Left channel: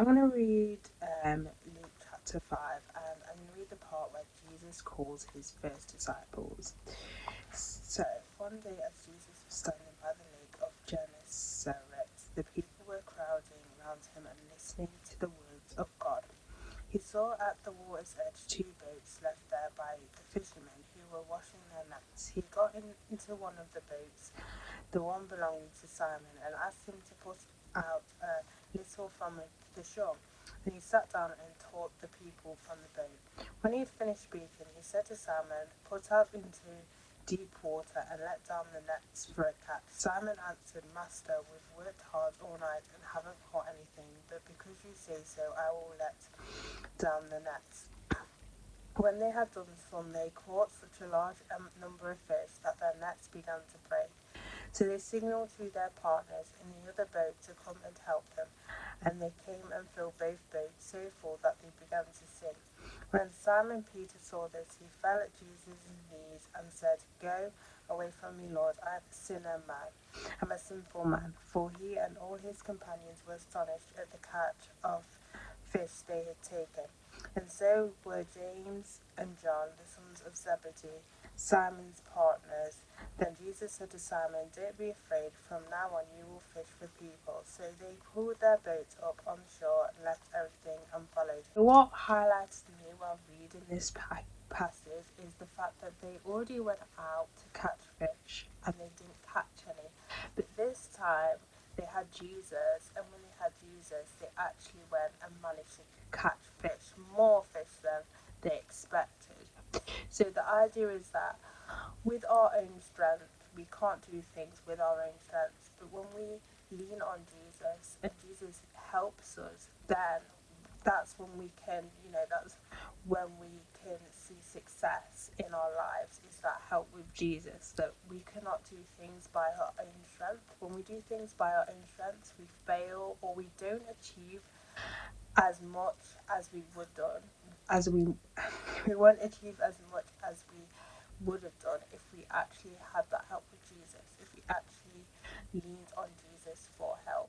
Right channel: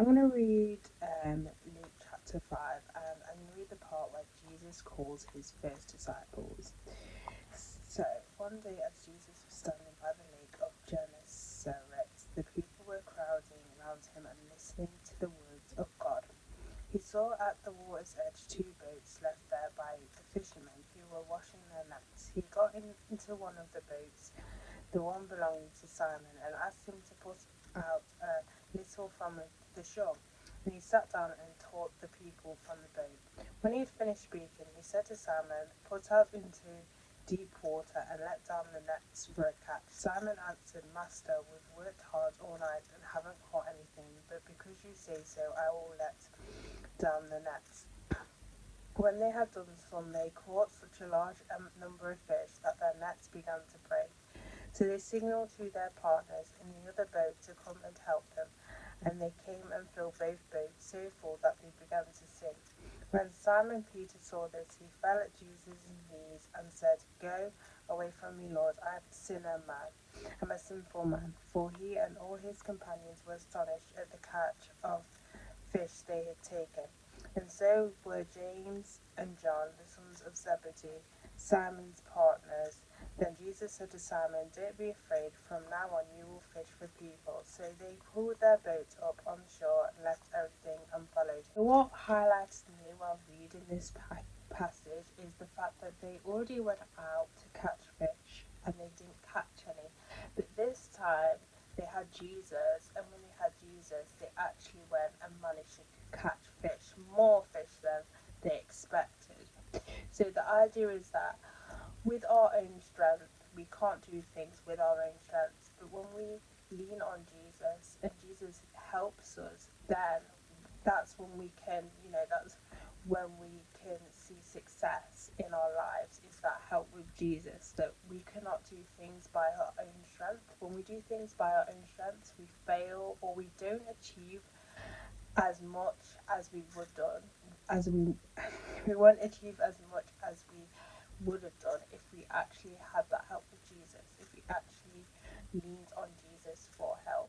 I'm going to read Luke chapter 5, and I'm going to read the part where Jesus calls his first disciples. So, one day as Jesus was standing by the lake of Gennesaret, the people were crowding round him and listening to the words of God. He saw at the water's edge 2 boats left there by the fishermen who were washing their nets. He got into one of the boats, the one belonging to Simon, and asked him to put out a little from the shore. And he sat down and taught the people from the boat. When he had finished speaking, he said to Simon, "Put out into deep water and let down the nets for a catch." Simon answered, "Master, we've worked hard all night and haven't caught anything, but because you say so, I will let down the nets." When they had done so, they caught such a large number of fish that their nets began to break. So they signaled to their partners in the other boat to come and help them, and they came and filled both boats so full that they began to sink. When Simon Peter saw this, he fell at Jesus' knees and said, "Go away from me, Lord, I am a sinner man. I'm a sinful man." For he and all his companions were astonished at the catch of fish they had taken. And so were James and John, the sons of Zebedee, Simon's partners. Then Jesus said to Simon, "Don't be afraid, from now on you will fish for people." So they pulled their boat up on shore and left everything and followed. So what highlights to me while reading this passage is the fact that they already went out to catch fish and they didn't catch any. But this time they had Jesus, and when they had Jesus, they actually went and managed to catch fish, more fish than they expected. So the idea is that with our own strength, we can't do things with our own strength, but when we lean on Jesus and Jesus helps us, then that's when we can, that's when we can see success in our lives, is that help with Jesus, that we cannot do things by our own strength. When we do things by our own strength, we fail or we don't achieve as much as we would done, as we won't achieve as much as we would have done if we actually had that help with Jesus, if we actually leaned on Jesus for help.